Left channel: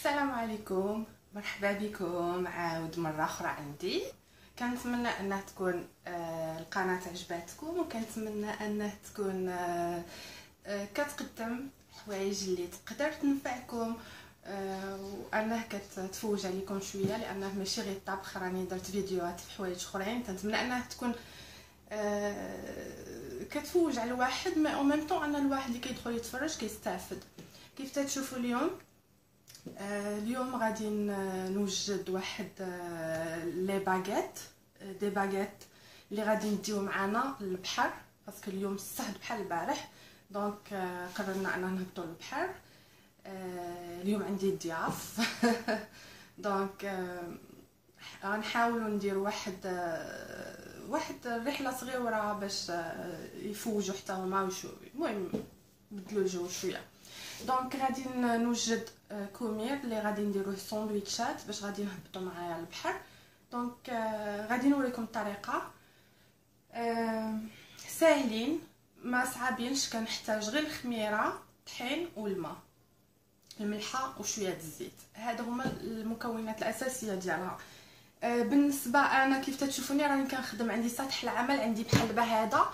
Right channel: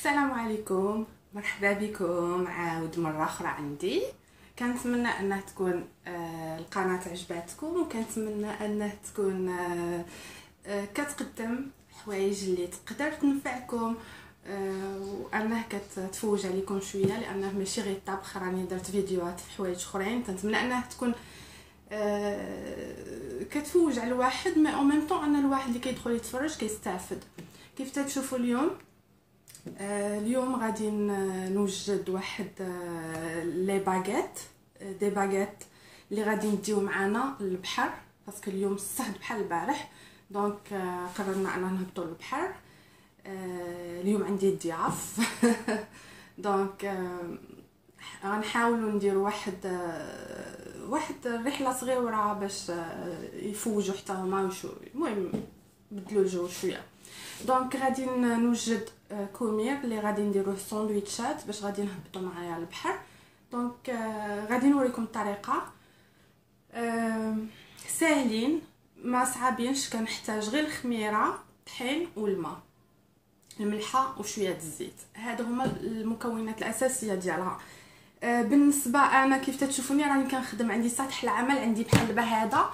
السلام عليكم، مرحبا بكم عاود مره اخرى عندي. كنتمنى انها تكون القناه عجباتكم، وكنتمنى انها تكون كتقدم حوايج اللي تقدر تنفعكم، وانها كتفوج عليكم شويه، لانه ماشي غير الطبخ، راني درت فيديوهات في حوايج اخرين. كنتمنى انها تكون كتفوج على الواحد، مي او ميم طون ان الواحد اللي كيدخل يتفرج كيستافد. كيف تشوفوا اليوم غادي نوجد واحد لي باغيت، دي باغيت اللي غادي نديو معنا للبحر، باسكو اليوم الصهد بحال البارح. دونك قررنا اننا نهبطوا للبحر. اليوم عندي ضياف دونك غنحاولوا نديروا واحد رحله صغيره باش يفوجوا حتى هما وشو، المهم بدلوا الجو شويه. دونك غادي نوجد كومير اللي غادي نديروه ساندويتشات باش غادي نهبطوا معايا البحر. دونك غادي نوريكم الطريقه، ساهلين ما صعابينش. كنحتاج غير الخميره، طحين والماء، الملحه وشويه الزيت. هادو هما المكونات الاساسيه ديالها. بالنسبه انا كيف تشوفوني راني كنخدم، عندي سطح العمل عندي بحال دابا هذا.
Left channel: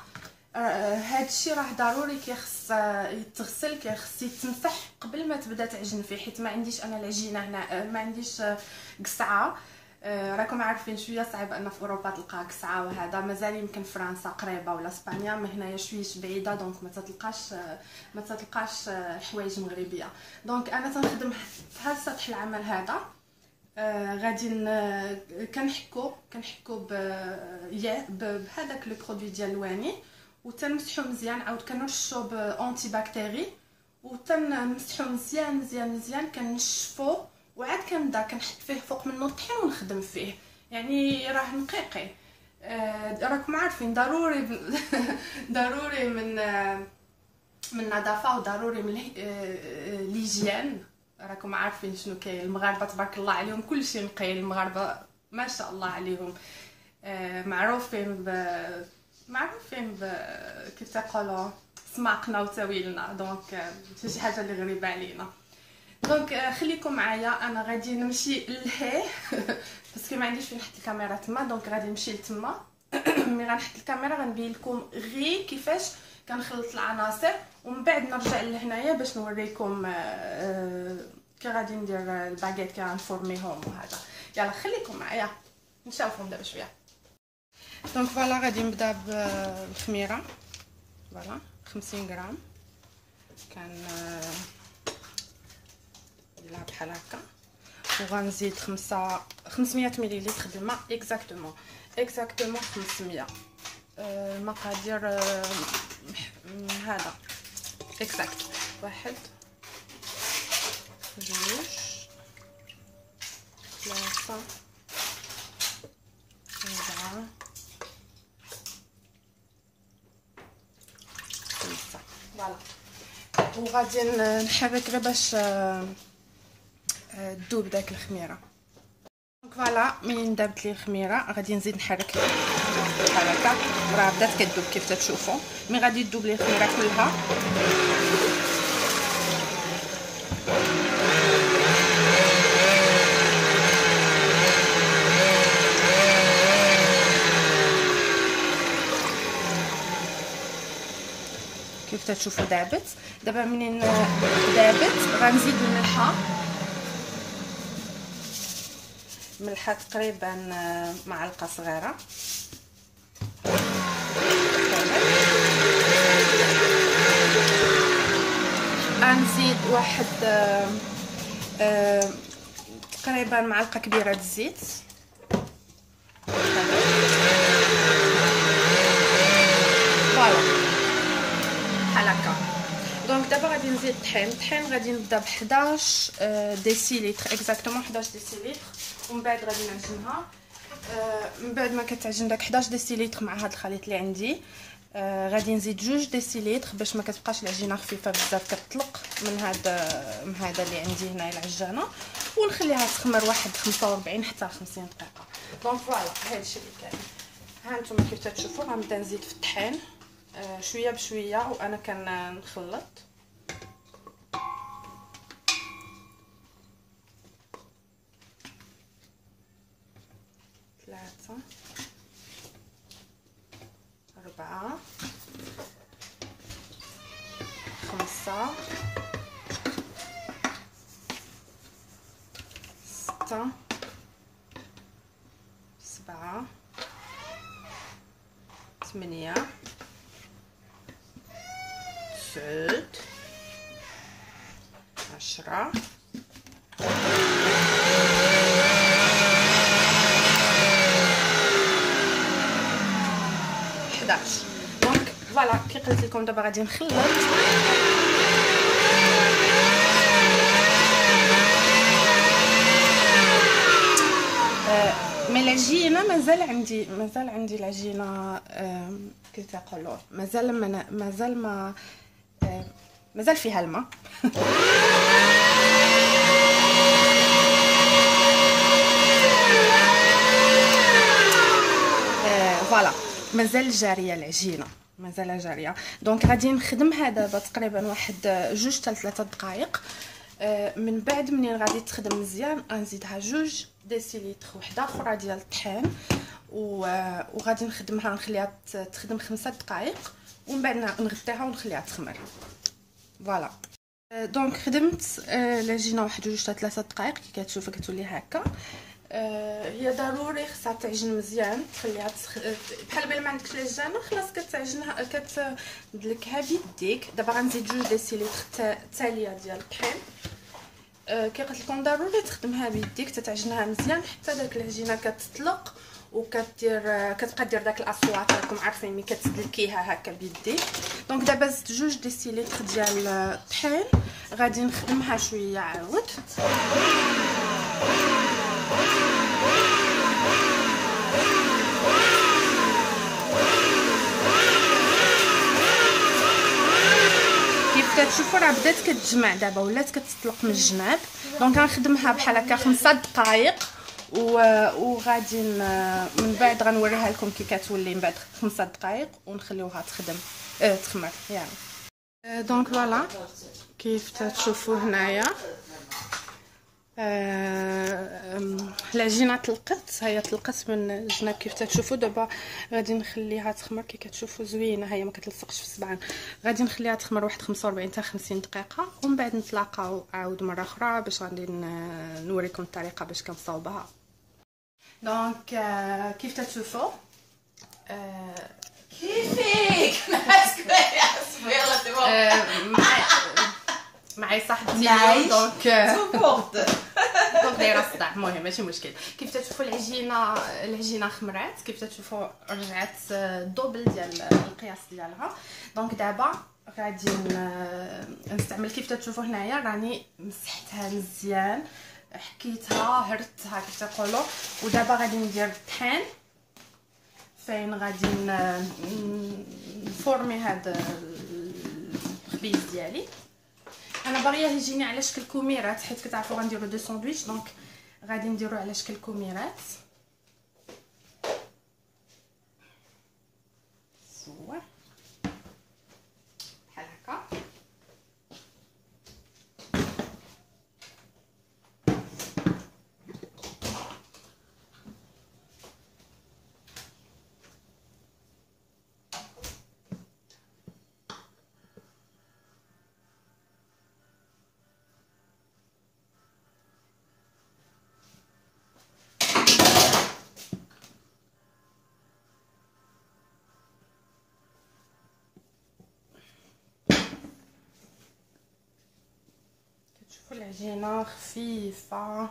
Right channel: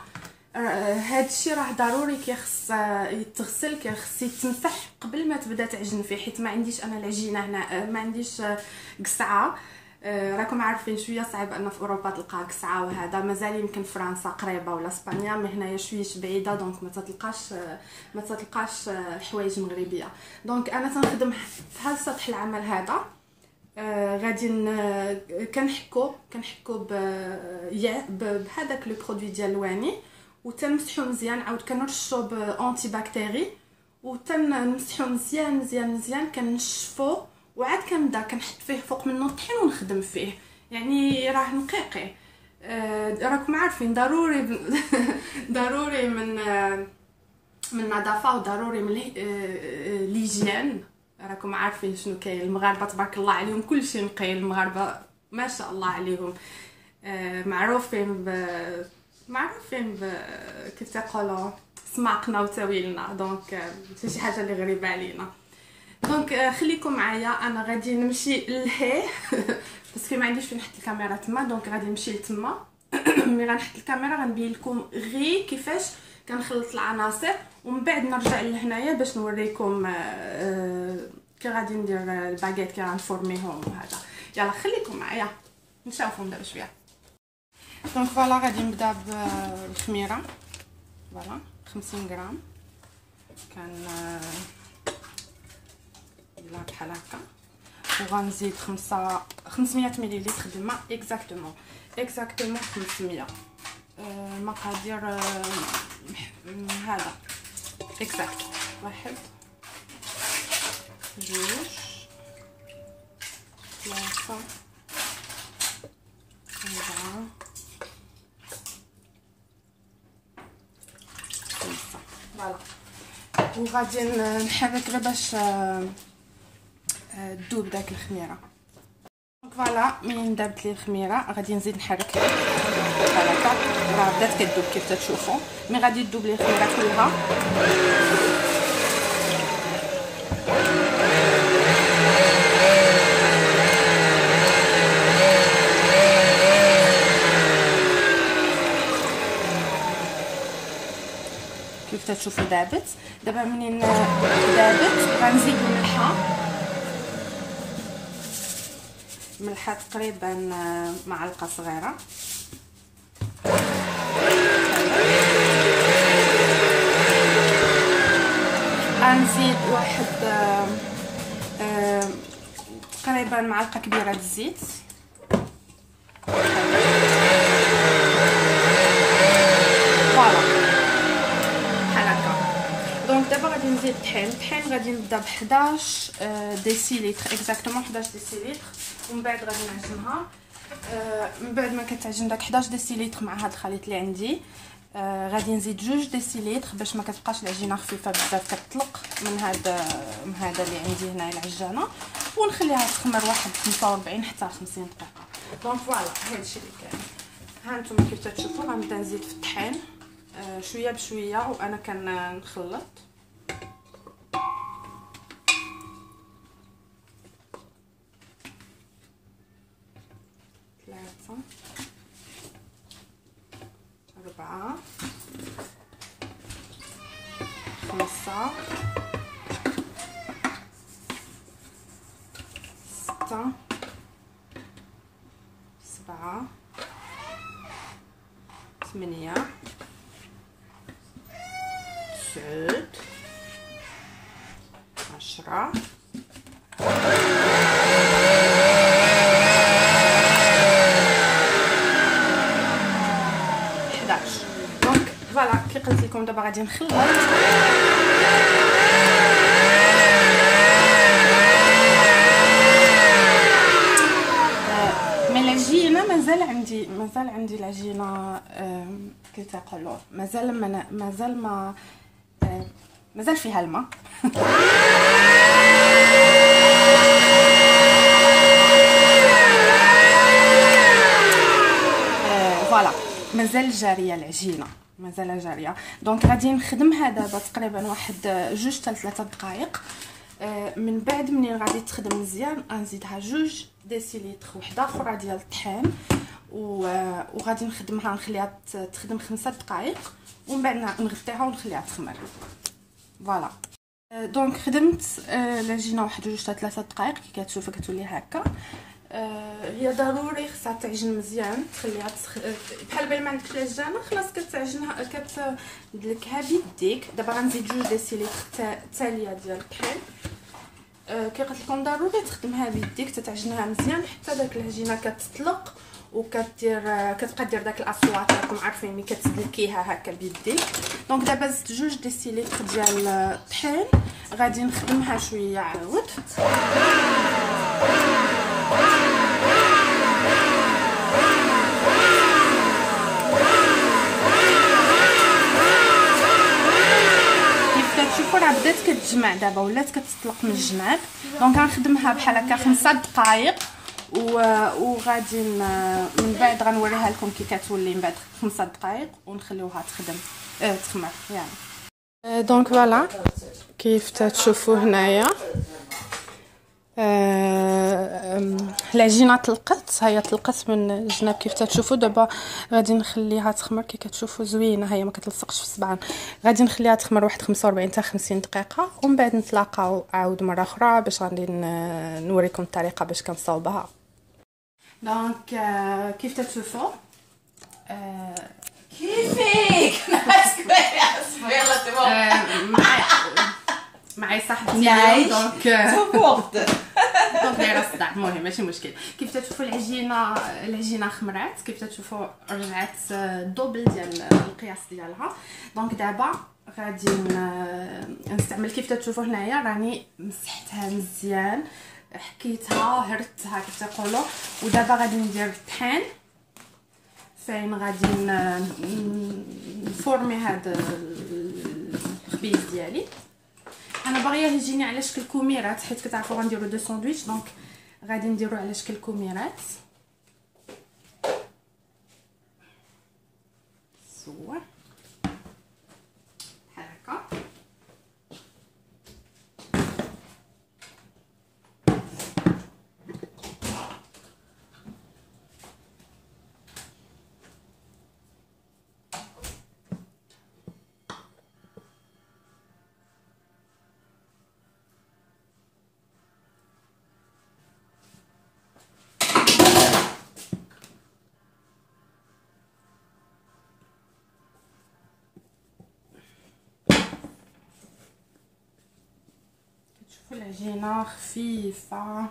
هاد الشيء راه ضروري كيخص يتغسل، كيخص يتمسح قبل ما تبدا تعجن فيه، حيت ما عنديش انا العجينه هنا، ما عنديش قصعه. راكم عارفين شويه صعيب ان في اوروبا تلقى قصعه، وهذا مازال يمكن فرنسا قريبه ولا اسبانيا، مي هنايا شويه بعيده، دونك ما تلقاش حوايج مغربيه. دونك انا تنخدم في هذا سطح العمل هذا. غادي كنحكو بهذاك لو برودوي ديال الواني، وتنمسحو مزيان، عاود كنرشو بانتي باكتيري، وتنمسحو مزيان مزيان مزيان، كنشفو، وعاد كنبدا كنحط فيه فوق منه الطحين ونخدم فيه. يعني راه نقيقي. راكم عارفين ضروري ضروري من النظافه، وضروري من ليجيان. راكم عارفين شنو كاين، المغاربه تبارك الله عليهم كلشي نقي، المغاربه ما شاء الله عليهم معروفين كيف تقولوا سماقنا وتاويلنا. دونك شي حاجه اللي غريبه علينا. دونك خليكم معايا، انا غادي نمشي لهيه باسكو ما عنديش فين نحط الكاميرا تما. دونك غادي نمشي لتما ملي غنحط الكاميرا غنبين لكم غير كيفاش كنخلط العناصر، ومن بعد نرجع لهنايا باش نوريكم كي غادي ندير الباغيت، كي غنفورميهم وهذا. يلا خليكم معايا نشوفهم دابا شويه. دونك فوالا غادي نبدا بالخميره. فوالا 50 غرام كان لا بحال هكا، وغنزيد 500 مليلتر د الماء. اكزاكتومون 500. المقادير هذا اكزاكت 1 2 3 4 5. فوالا، وغادي نحرك غير باش تذوب داك الخميره. فوالا منين دابت لي الخميره غادي نزيد نحرك بحال هكا، راه بدات كتذوب كيف تشوفوا، مي غادي تذوب لي الخميره كلها. كيف تشوفوا دابت. دابا منين دابت غنزيد ملحه تقريبا معلقه صغيره. غنزيد واحد تقريبا معلقه كبيره د الزيت. دابا غادي نزيد الطحين غادي نبدا ب 11 ديسيليتر، اكزاكتومون 11 ديسيليتر، ومن بعد غادي نعجنها. من بعد ما كتعجن داك 11 ديسيليتر مع هذا الخليط اللي عندي، غادي نزيد 2 ديسيليتر باش ما كتبقاش العجينه خفيفه بزاف، كتطلق من هذا اللي عندي هنايا العجانه، ونخليها تخمر واحد 45 حتى 50 دقيقه. دونك فوالا هادشي اللي كاين. ها نتوما كيف تشوفوا غنبدا نزيد في الطحين شويه بشويه، وانا كنخلط. 3 4 5 6 7 8 9 10 11. دونك فوالا كي قلت لكم دابا غادي نخلط. مي العجينه مازال عندي العجينه كي تقولوا مازال فيها الماء. فوالا مازال جاريه العجينه، مازال جاريه. دونك غادي نخدمها دابا تقريبا واحد 2 حتى 3 دقائق. من بعد منين غادي تخدم مزيان غنزيدها 2 ديسيليتر وحده اخرى ديال الطحين وغادي نخدمها نخليها تخدم 5 دقائق ومن بعد نغطيها ونخليها تخمر. فوالا دونك خدمت العجينه واحد 2 حتى 3 دقائق كي كتشوفوا كتولي هكا. هي ضروري خصها تعجن مزيان، تخليها بحال بلا ما عندكش العجانه خلاص كتعجنها كتدلكها بيديك. دابا غنزيد 2 ديسيليتر تاليه ديال الطحين. كي قلت لكم ضروري تخدمها بيديك تتعجنها مزيان حتى داك العجينه كتطلق كتبقى دير داك الاصوات راكم عارفين ملي كتدلكيها هكا بيديك. دونك دابا زدت 2 ديسيليتر ديال الطحين غادي نخدمها شويه عاود. كتشوفوا راه بدات كتجمع دابا ولات كتطلق من الجناب. دونك غنخدمها بحال هكا 5 دقائق وغادي من بعد غنوريها لكم كي كتولي من بعد 5 دقائق ونخليوها تخمر يعني. دونك فوالا كيف تشوفوا هنايا العجينه طلقت، هي طلقت من الجناب كيف تشوفوا. دابا غادي نخليها تخمر كي كتشوفوا زوينه، هي ما كتلصقش في الصبعان. غادي نخليها تخمر واحد 45 حتى 50 دقيقه ومن بعد نتلاقاو عاود مره اخرى باش غادي نوريكم الطريقه باش كنصاوبها. دونك كيف تشوفوا كيفك معي صاحبتي دونك سبورت دونك دايره الصداع. المهم ماشي مشكل. كيف تشوفوا العجينه خمرات، كيف تشوفوا رجعت دوبل ديال القياس ديالها. دونك دابا غادي نستعمل كيف تشوفوا هنايا راني مسحتها مزيان، حكيتها هرتها كيف تقولوا. ودابا غادي ندير الطحين فين غادي نفورمي هذا الخبيز ديالي. انا باغيه يجيني على شكل كوميرات حيت كتعرفوا غنديروا دو ساندويتش، دونك غادي نديرو على شكل كوميرات. صور بحال هكا. العجينه خفيفه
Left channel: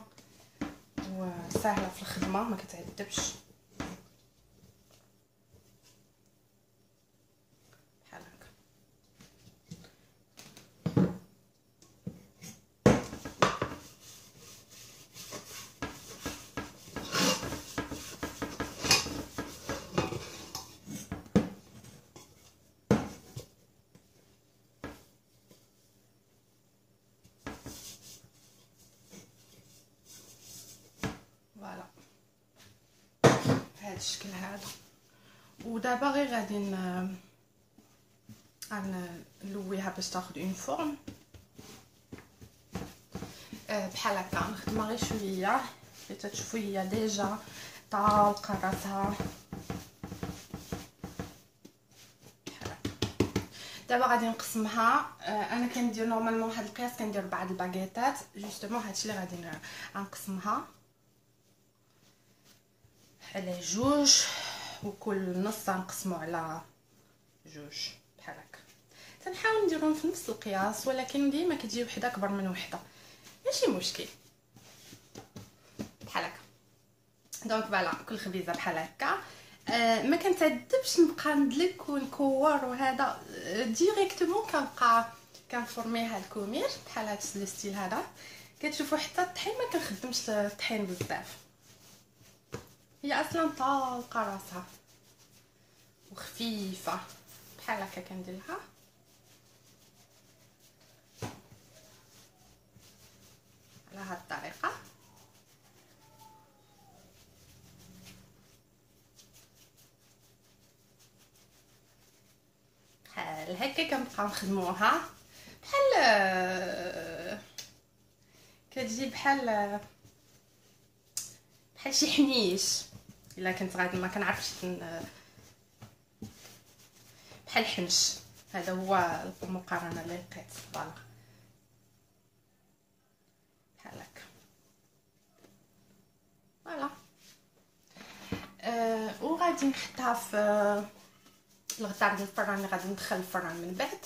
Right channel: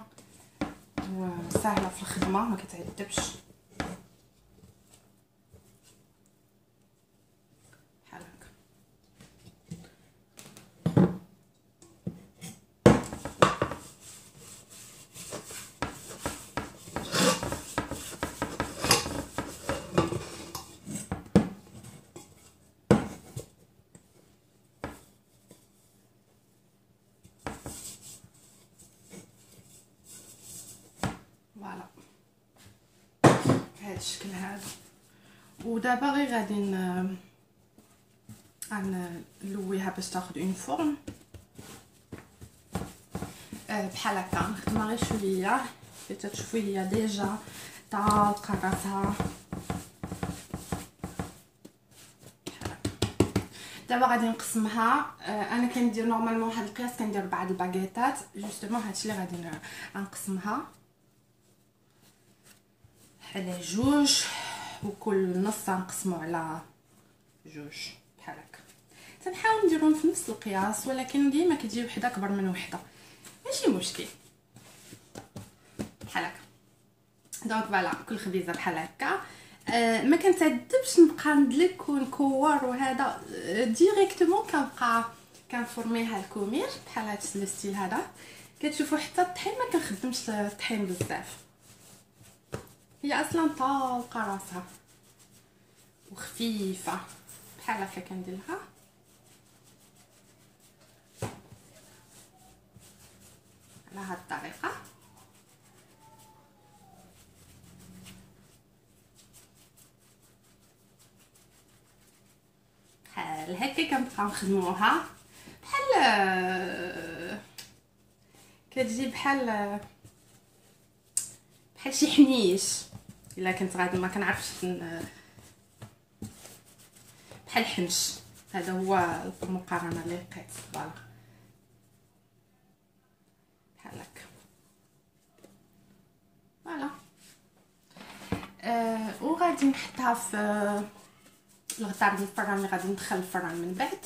وسهله في الخدمه ما كتعذبش بحال هكا. فوالا بهذا الشكل هذا. ودابا غير غادي نلويها باش تاخذ اون فورم بحال هكا. نخدمها غير شويه حيت تشوفوا هي ديجا طالقه راسها. دابا غادي نقسمها. انا كندير نورمالمون هاد القياس كندير 4 الباكيطات جوستومون. هادشي اللي غادي غنقسمها على جوج، وكل نص غنقسمو على جوج بحال هكا. تنحاول نديرهم في نفس القياس، ولكن ديما كتجي وحده اكبر من وحده، ماشي مشكل بحال هكا. دونك فوالا كل خبيزه بحال هكا. ما كنتعذبش نبقى ندلك ونكور وهذا، ديريكتومون كنبقى كنفورميها الكومير بحال هاد الستيل هذا. كتشوفوا حتى الطحين ما كنخدمش الطحين بزاف، هي اصلا طالقه راسها وخفيفه بحال هكا. كنديرها على هاد الطريقه. بحال هكا كنبقاو نخدموها بحال كتجي بحال شي حنيش. الا كنت غادي ما كنعرفش بحال حنش. هذا هو المقارنه اللي لقيت. فوالا بحال هكا. فوالا وغادي نحطها في الغطاء ديال الفران اللي غادي ندخل الفران من بعد.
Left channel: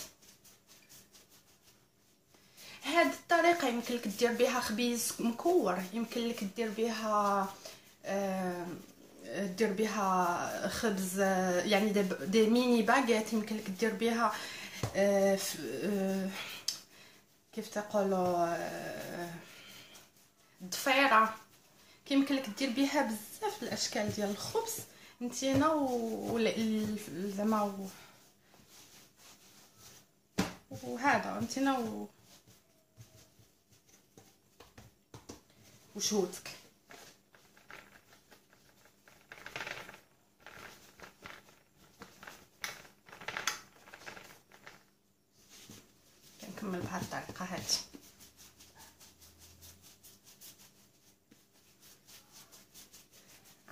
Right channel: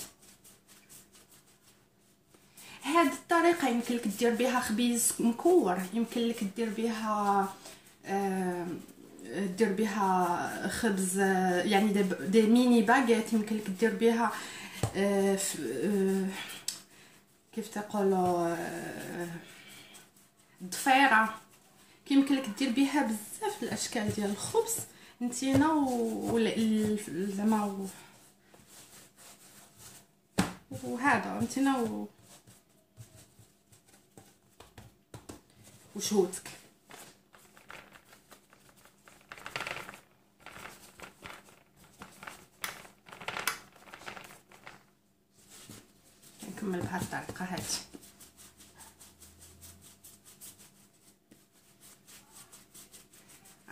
هاد الطريقه يمكن لك دير بها خبيز مكور، يمكن لك دير بها خبز، يعني دي ميني باغيت. يمكن لك دير بها كيف تقولوا ضفيره. يمكن لك دير بها بزاف الاشكال ديال الخبز نتينا زعما وهذا نتينا وشهوتك. كنكمل بهذه الطريقه هذه.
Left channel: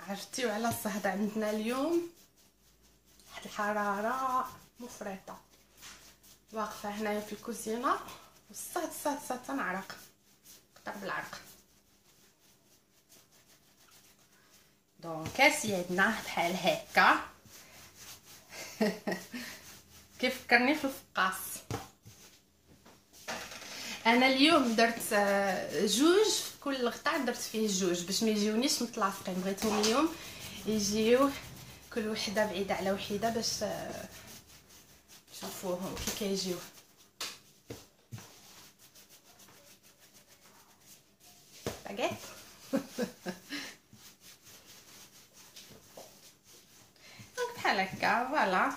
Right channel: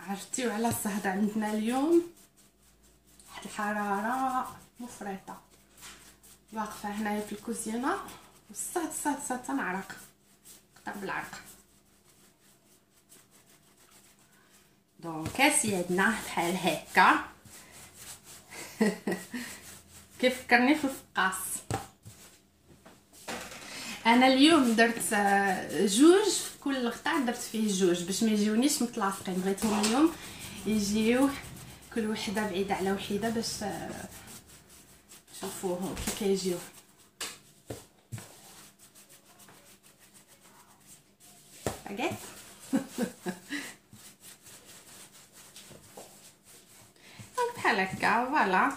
عرفتيو على الصهد عندنا اليوم واحد الحراره مفرطه. واقفه هنايا في الكوزينه والصهد تنعرق، قطر بالعرق. دونك سيدنا بحال هكا. كيفكرني في الفقاص. انا اليوم درت جوج في كل قطع، درت فيه جوج باش ما يجيونيش متلاصقين. بغيتهم اليوم يجيو كل وحده بعيده على وحده باش تشوفوهم كي كيجيو. باغيت بحال هكا. فوالا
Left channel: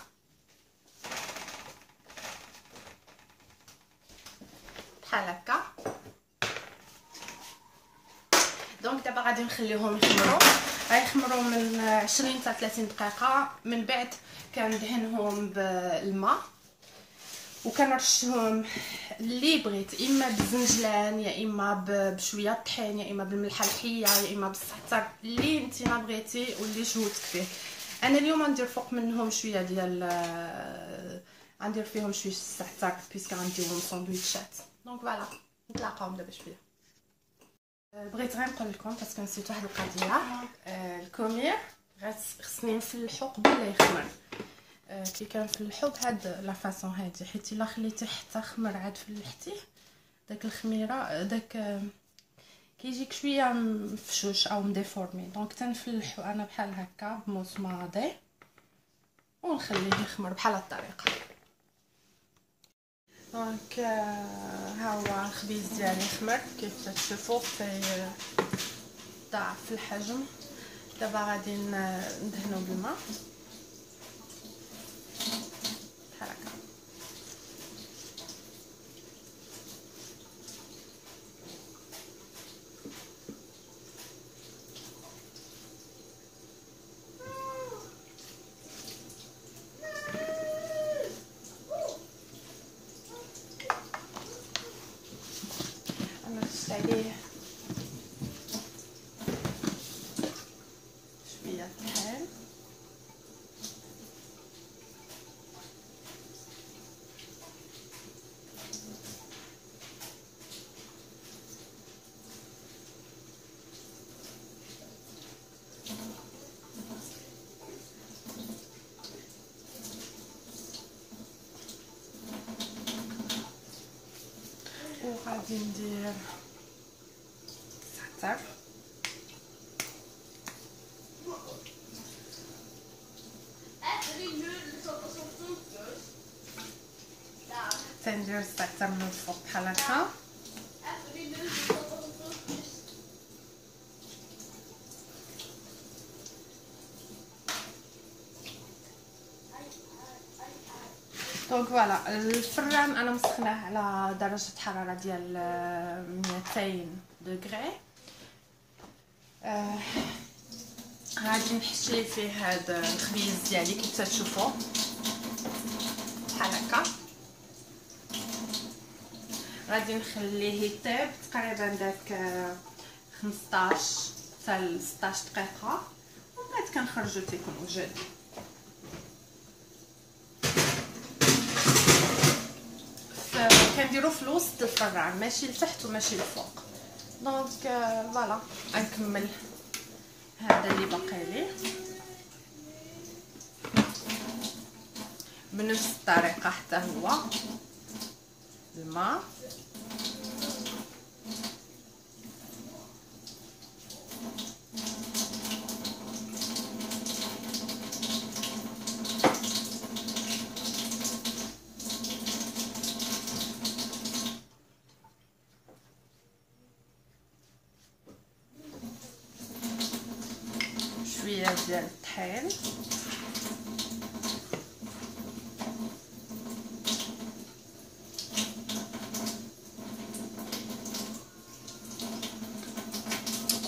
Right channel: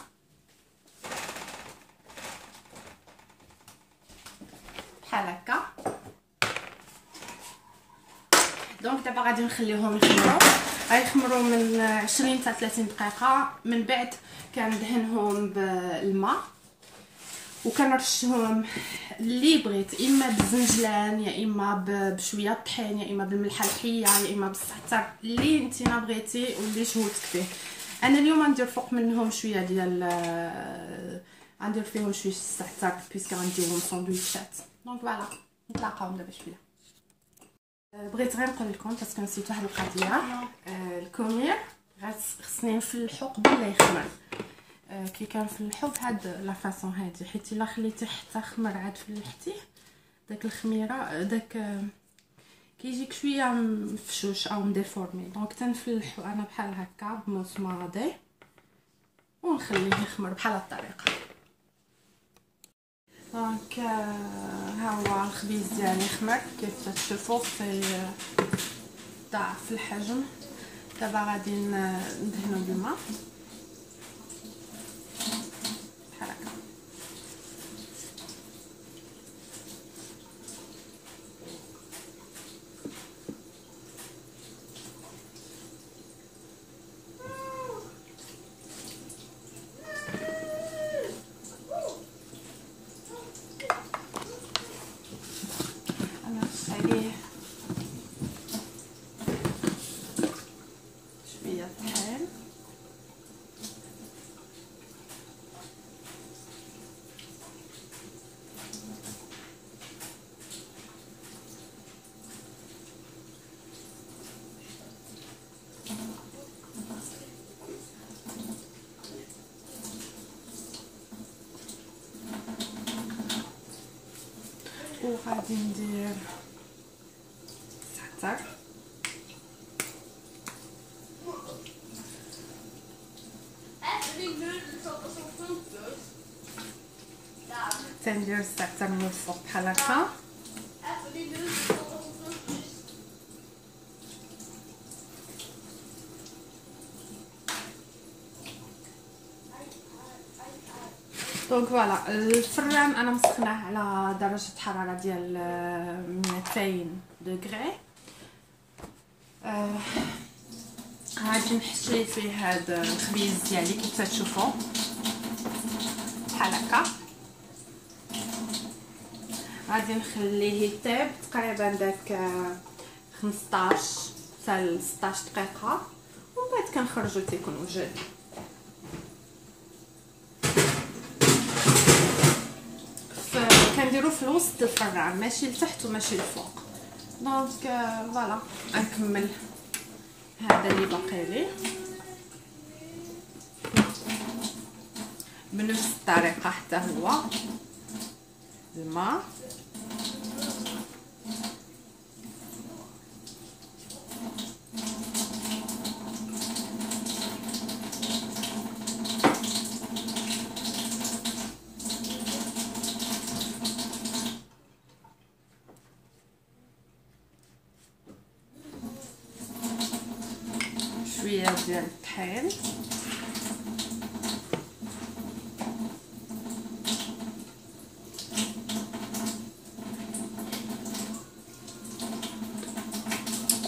بحال هكا. دونك دابا غادي نخليهم يخمروا من 20 حتى 30 دقيقه. من بعد كندهنهم بالماء وكنرشهم اللي بغيت، اما بالزنجلان يا اما بشويه طحين يا اما بالملحه الحيه يا اما بالزعتر، اللي نتينا بغيتي واللي شهوتك فيه. انا اليوم غندير فوق منهم شويه ديال غندير فيهم شويه الزعتر بيسك غنديرهم ساندويتشات. دونك فوالا نتلاقاو دابا شويه. بغيت غير نقول لكم باسكو نسيت واحد القضيه. الكومير خصني نفلحو قبل لا يخمر. كي كنفلحو بهاد لا فاصون هادي، حيت الا خليتيه حتى خمر عاد فلحتيه داك الخميره داك كيجيك شويه مفشوش او مديفورمي. دونك تنفلحو انا بحال هكا بموس ماضي ونخليه يخمر بحال هاد الطريقه. دونك ها هو الخبيز ديالي خمر كيف تشوفوا ضاعف الحجم. دابا غادي ندهنو بالماء بحال هكا. غادي ندير زعتر، تندير الزعتر من الفوق بحال هكا. دونك فوالا الفران انا مسخناه على درجه حراره ديال 200 دوغري. غادي نحشي فيه هاد الخبيز ديالي كيف تشوفوا بحال هكا. غادي نخليه يطيب تقريبا داك 15 حتى 16 دقيقه، ومن بعد كنخرجو تيكون وجد. كنديرو في الوسط الفران، ماشي لتحت وماشي لفوق. دونك فوالا غنكمل هذا اللي باقي لي بنفس الطريقه حتى هو. الماء شويه ديال الطحين،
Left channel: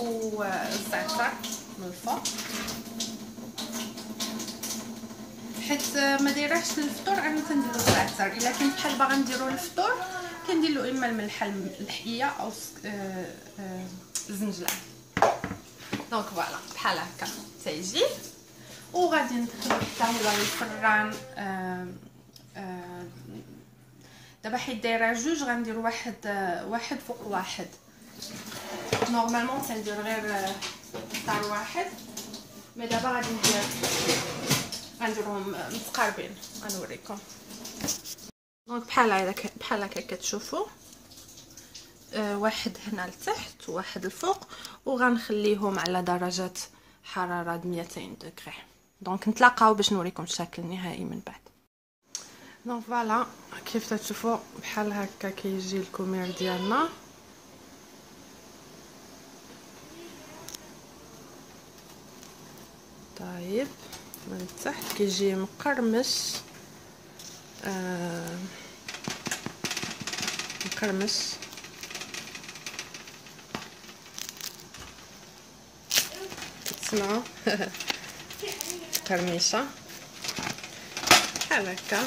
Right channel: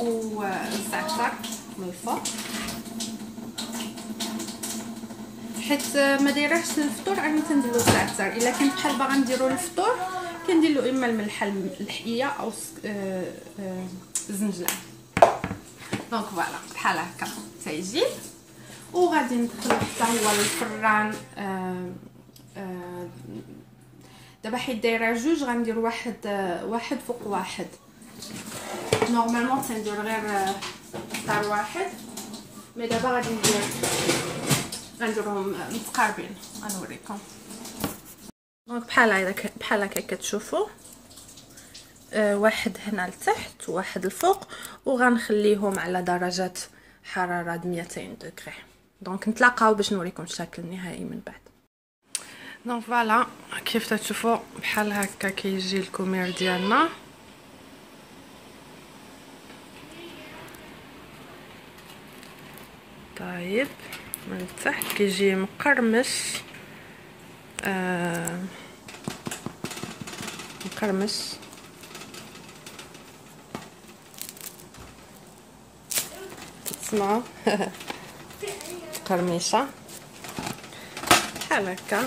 والزعتر من الفوق، حيت ما دايرهش للفطور. انا تنديرو الزعتر الا كنت بحال باغا نديرو للفطور كندير له اما الملح الحيه او الزنجلان. دونك فوالا بحال هكا تيجي. وغادي ندخلو حتى هو الفران. دابا حيت دايره جوج غندير واحد فوق واحد. نورمالمون تندير غير اختار واحد، مي دابا غادي غنديرهم متقاربين. غنوريكم. دونك بحال هكا كتشوفوا، واحد هنا لتحت وواحد الفوق، وغنخليهم على درجه حراره 200 دوغري. دونك نتلاقاو باش نوريكم الشكل النهائي من بعد. دونك فوالا كيف تشوفوا بحال هكا كيجي الكومير ديالنا. طيب من التحت كيجي مقرمش، مقرمش. تسمعوا قرميشه بحال هكا.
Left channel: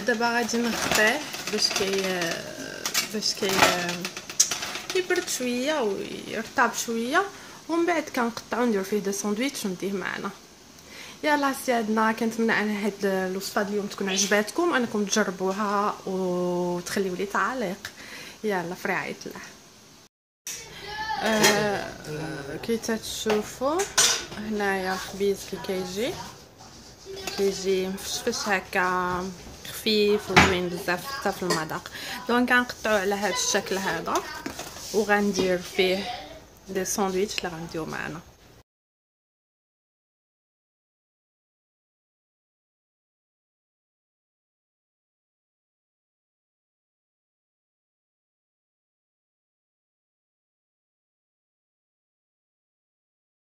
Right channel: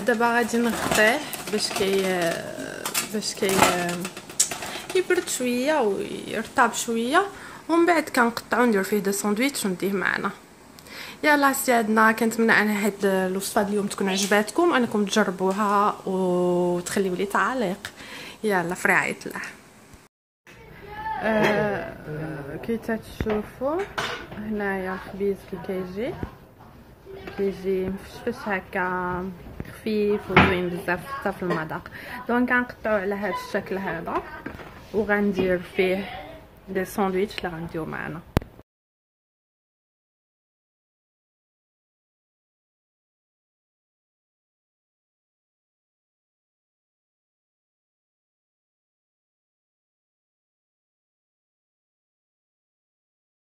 دابا غادي نغطيه باش يبرد شويه ويرطب شويه، ومن بعد كنقطعو ندير فيه دو ساندويتش ونديه معنا. يلا سيادنا، كنتمنى ان هاد الوصفه اليوم تكون عجباتكم، انكم تجربوها وتخليو لي تعليق. يلا في رعايه الله. كي تشوفوا هنايا الخبيز كيجي مفشفش هكا، خفيف وزوين بزاف حتى في المذاق. دونك غنقطعو على هذا الشكل هذا، وغندير فيه دي ساندويتش اللي غنديو معنا.